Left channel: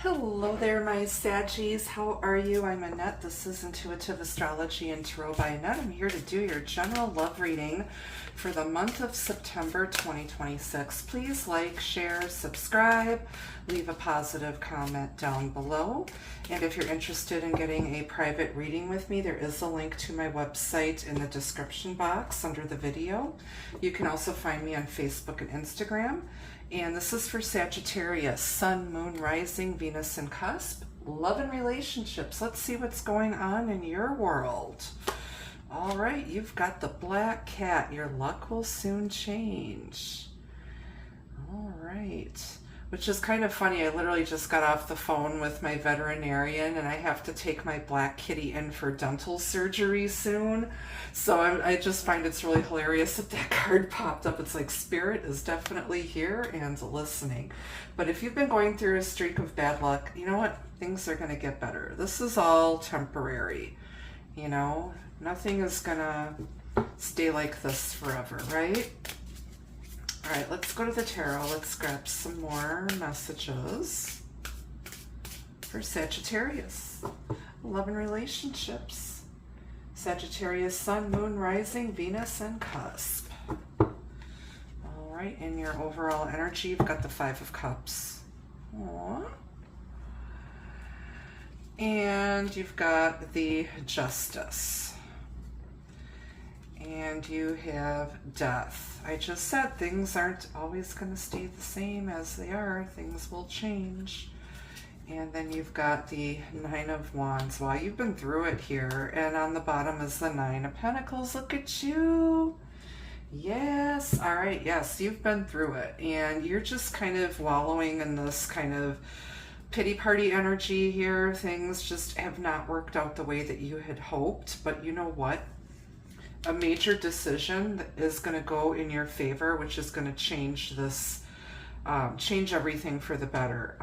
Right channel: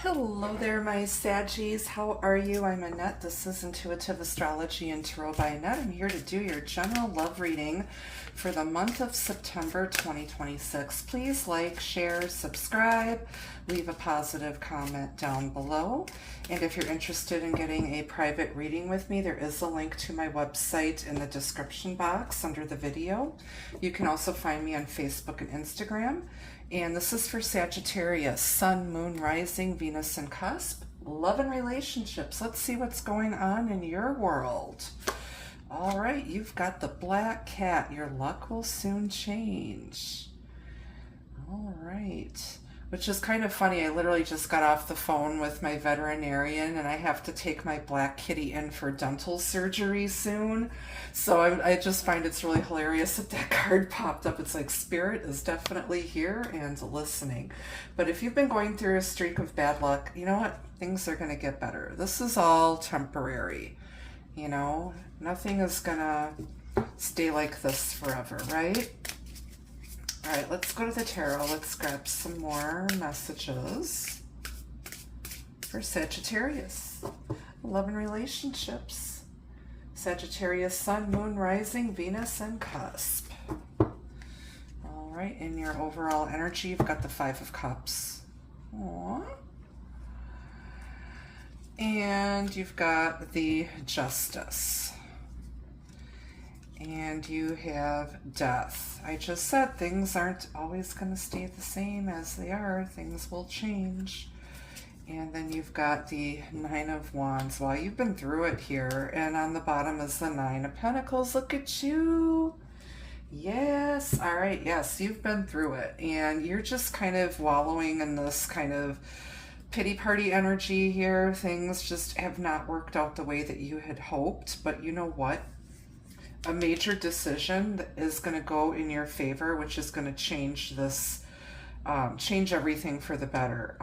Hello there, my Saggies. How are you? I'm Annette. This is Intuitive Astrology and Tarot by Annette. I'm here to do your general love reading for the month of September 2026. Please like, share, subscribe, leave a positive comment down below. And if you're interested in getting a private reading with me, there is a link to my website in the description box under the video. You can also find me on Facebook and Instagram. And this is for Sagittarius, Sun, Moon, Rising, Venus, and Cusp. Love and relationships. Let's see what's going on in your world. All right, you've got the Black Cat. Your luck will soon change. All right. Which is kind of funny. I literally just got off the phone with my veterinarian and I have to take my black kitty in for dental surgery soon. So I just find it's really hilarious that that card popped up. It's like Spirit is definitely here and listening. But if you've been going through a streak of bad luck, you know what? Things are going to get better. This is all temporary. You know, nothing is going to stay like this forever, right? All right, let's go to the tarot. Let's grab some more messages for Sagittarius. Love and relationships. Sagittarius, Sun, Moon, Rising, Venus, and Cusp. All right, in your overall energy, you've got the Five of Cups. Aww. And you've got the Justice. And you have Death. I just said things aren't always going to stay the same as they are. Things will change. And then you've got the Nine of Wands. Well, you've been through it here. And on the bottom is the Nine of Pentacles. Look at you. Yes. All right. Yes, you've been through it. And you're just kind of wallowing in this kind of pity party energy here. Things just have not worked out the way that you had hoped. But you know what? A major decision that is going to go in your favor, which is going to change this, change everything for the better.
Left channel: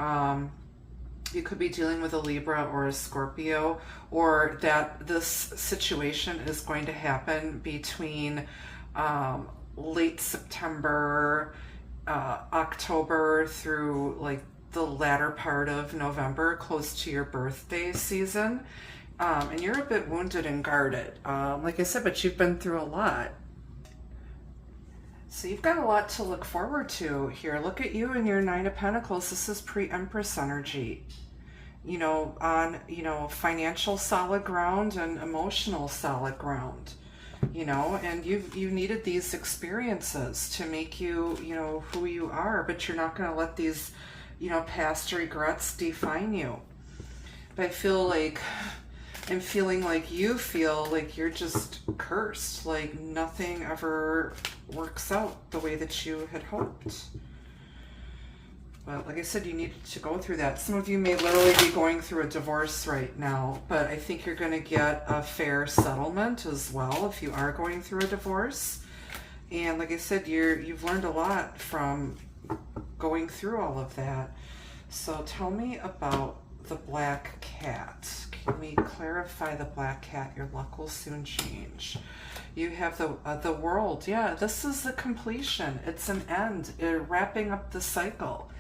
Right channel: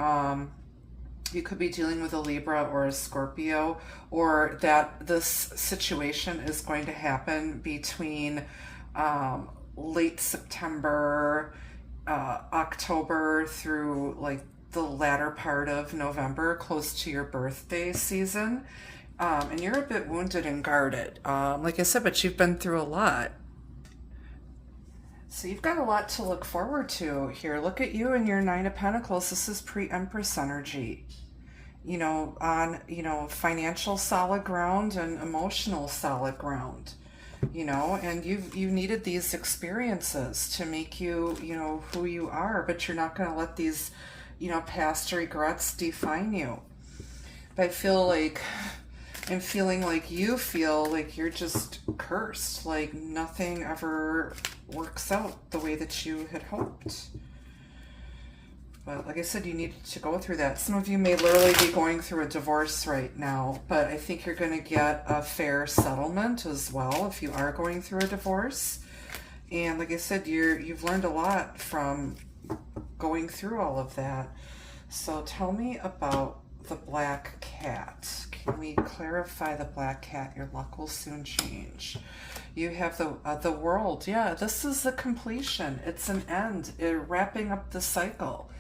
You could be dealing with a Libra or a Scorpio, or that this situation is going to happen between late September, October through like the latter part of November, close to your birthday season. And you're a bit wounded and guarded. Like I said, but you've been through a lot. So you've got a lot to look forward to here. Look at you and your Nine of Pentacles. This is pre-Empress energy. You know, on, you know, financial solid ground and emotional solid ground. You know, and you needed these experiences to make you, you know, who you are. But you're not going to let these, you know, past regrets define you. But I feel like... and feeling like you feel like you're just cursed, like nothing ever works out the way that you had hoped. But like I said, you needed to go through that. Some of you may literally be going through a divorce right now, but I think you're going to get a fair settlement as well if you are going through a divorce. And like I said, you've learned a lot from going through all of that. So tell me about the Black Cat. Can we clarify the Black Cat? Your luck will soon change. You have the World. Yeah, this is the completion. It's an end. Wrapping up the cycle.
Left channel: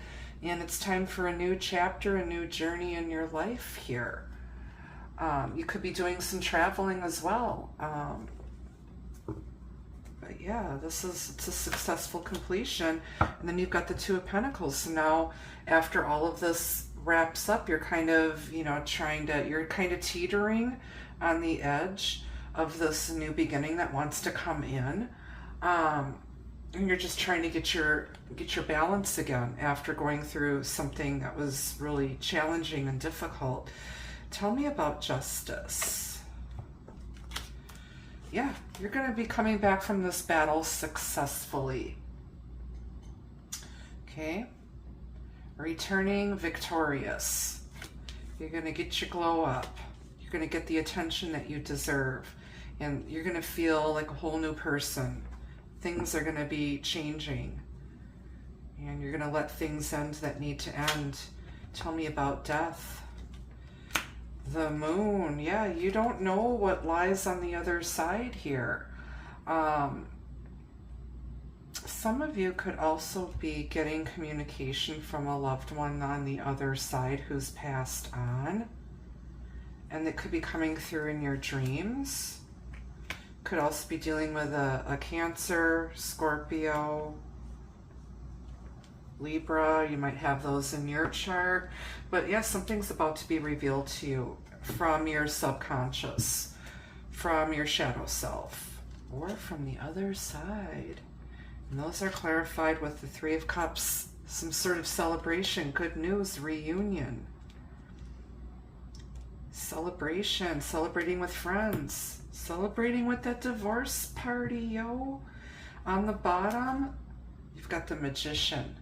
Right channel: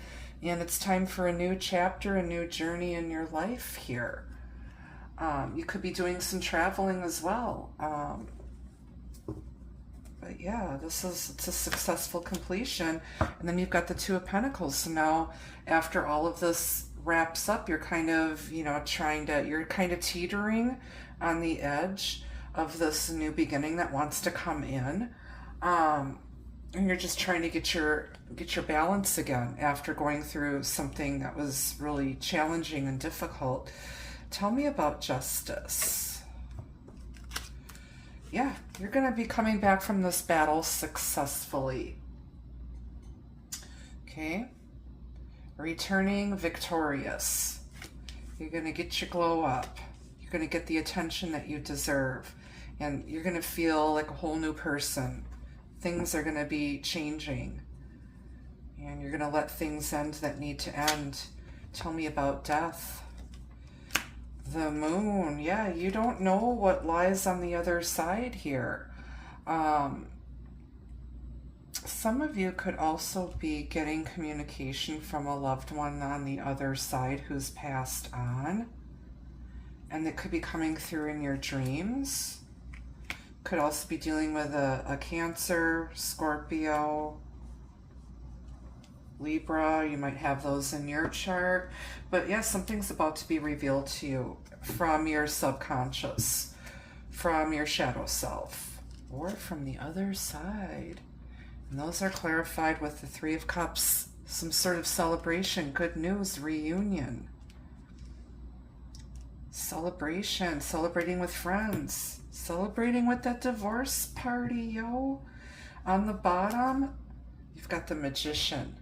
And it's time for a new chapter, a new journey in your life here. You could be doing some traveling as well. But yeah, it's a successful completion. And then you've got the Two of Pentacles. So now, after all of this wraps up, you're kind of, you know, you're kind of teetering on the edge of this new beginning that wants to come in. And you're just trying to get your balance again after going through something that was really challenging and difficult. Tell me about Justice. Yeah, you're going to be coming back from this battle successfully. Okay. Returning victorious. You're going to get your glow up. You're going to get the attention that you deserve. And you're going to feel like a whole new person. Things are going to be changing. And you're going to let things end that need to end. Tell me about Death. The Moon. Yeah, you don't know what lies on the other side here. some of you could also be getting communication from a loved one on the other side who's passed on. And it could be coming through in your dreams. Could also be dealing with a Cancer, Scorpio, Libra. You might have those in your chart. But yeah, something's about to be revealed to you from your subconscious, from your shadow self, or from the other side. And those are clarified with the Three of Cups. Some sort of celebration, good news, reunion. Celebration, celebrating with friends, celebrating with that divorce party, yo. On the bottom, you've got the Magician.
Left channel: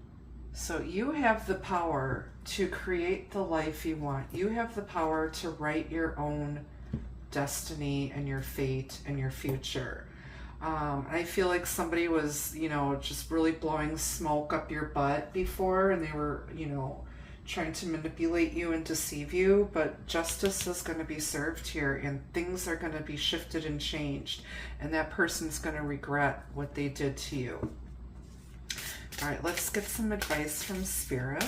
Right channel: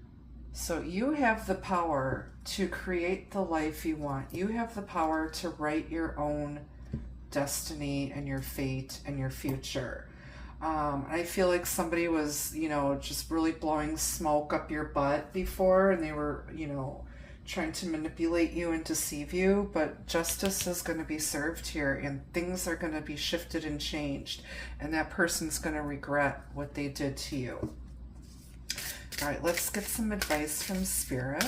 So you have the power to create the life you want. You have the power to write your own destiny and your fate and your future. I feel like somebody was, just really blowing smoke up your butt before, and they were, trying to manipulate you and deceive you, but justice is going to be served here, and things are going to be shifted and changed, and that person's going to regret what they did to you. All right, let's get some advice from Spirit.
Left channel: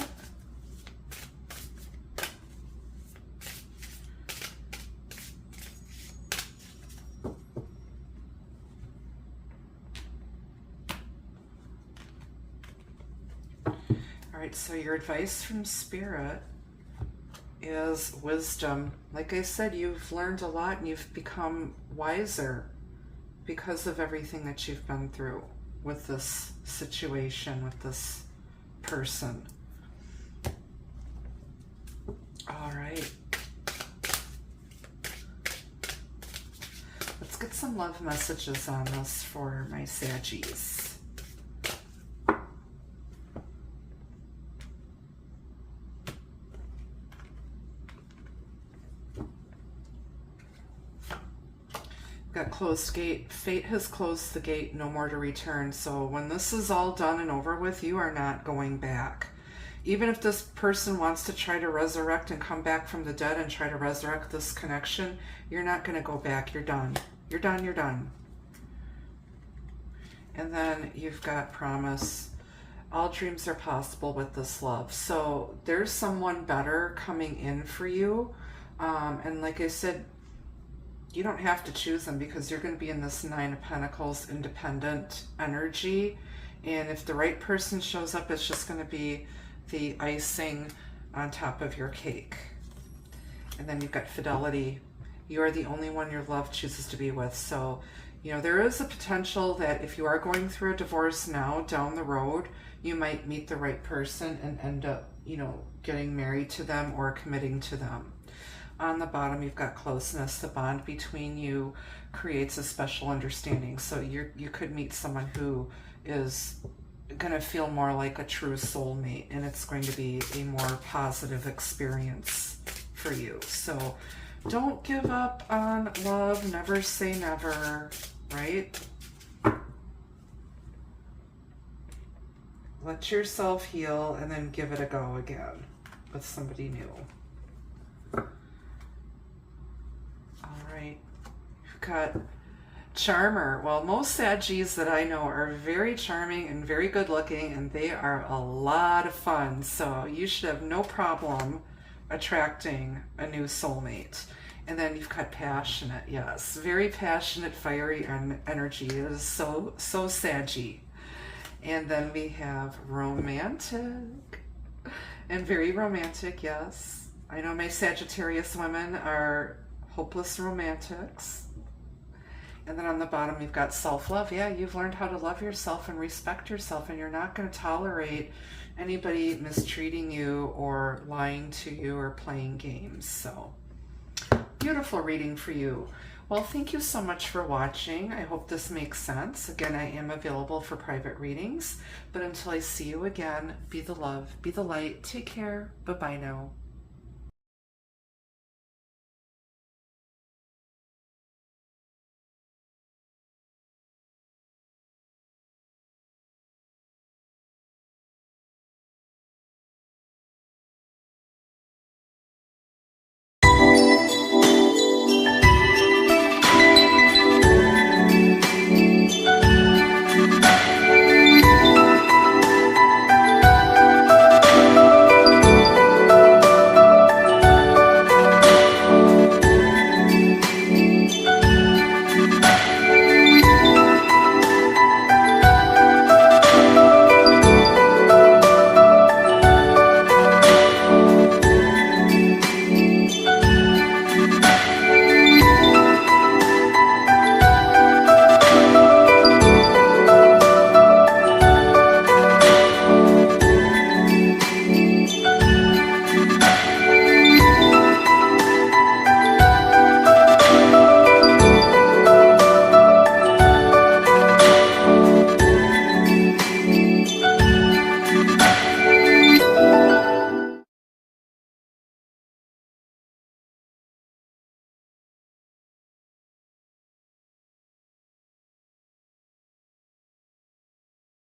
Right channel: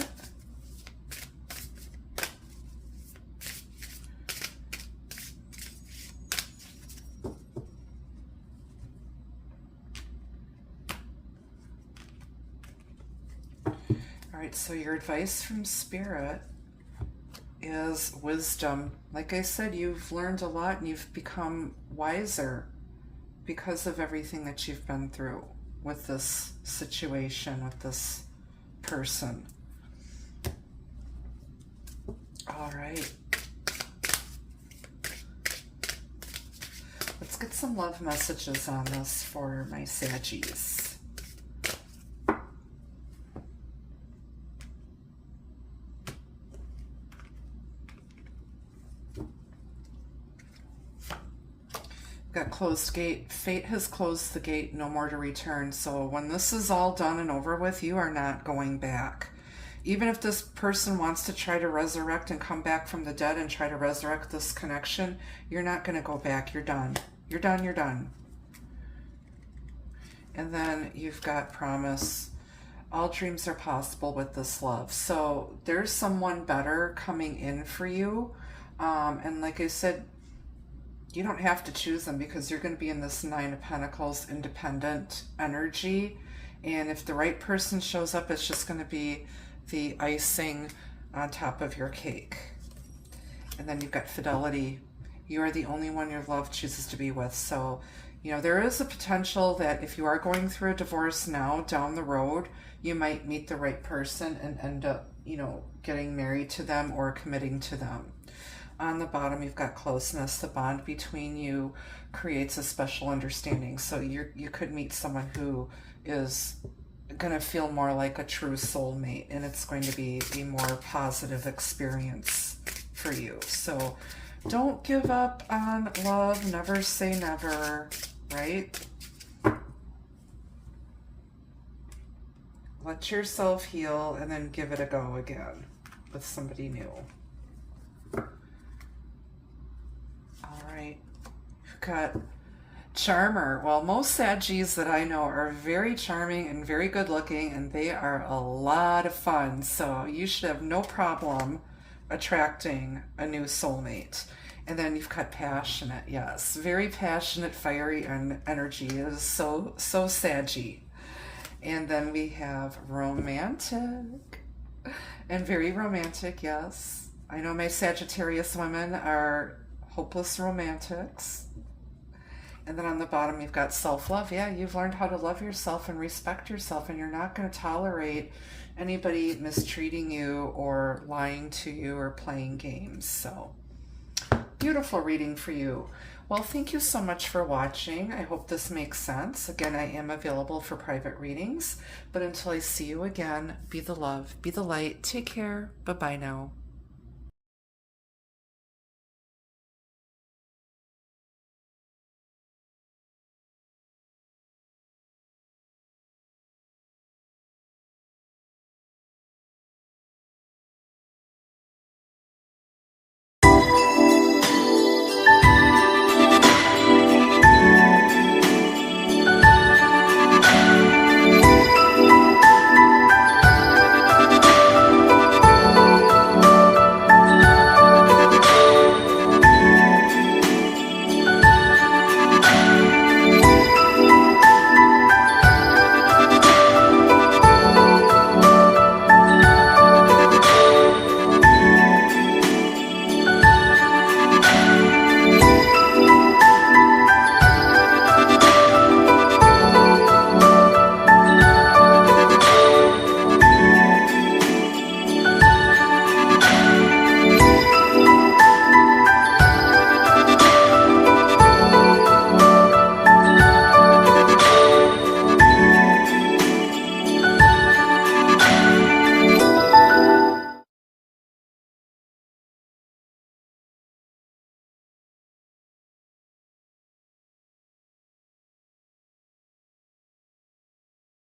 So your advice from Spirit is wisdom. Like I said, you've learned a lot and you've become wiser because of everything that you've been through with this situation, with this person. All right. Let's get some love messages on this for my Saggies. Got closed gate. Fate has closed the gate, no more to return. So when this is all done and over with, you are not going back. Even if this person wants to try to resurrect and come back from the dead and try to resurrect this connection, you're not going to go back. You're done. You're done. You're done. And then you've got promise. All dreams are possible with this love. So there's someone better coming in for you. And like I said, you don't have to choose them because you're going to be in this Nine of Pentacles independent energy. And if the right person shows up, it's just going to be the icing on top of your cake. And then you've got fidelity. You are the only one your love chooses to be with. So, there is a potential that if you are going through a divorce now, down the road, you might meet the right person and end up, getting married to them or committing to them. On the bottom, you've got closeness. The bond between you creates a special understanding. So you could meet someone who is going to feel more like a true soulmate, and it's going to be a more positive experience for you. So don't give up on love. Never say never, right? Let yourself heal and then give it a go again with somebody new. Got charmer. Well, most Saggies that I know are very charming and very good looking, and they are a lot of fun. So you should have no problem attracting a new soulmate. And then you've got passionate. Yes, very passionate, fiery energy. It is so Saggy. And then we have romantic. And very romantic, yes. I know my Sagittarius women are hopeless romantics. And then on the bottom, you've got self-love. Yeah, you've learned how to love yourself and respect yourself, and you're not going to tolerate anybody mistreating you or lying to you or playing games. So, beautiful reading for you. Well, thank you so much for watching. I hope this makes sense. Again, I am available for private readings. But until I see you again, be the love, be the light. Take care. Bye-bye now.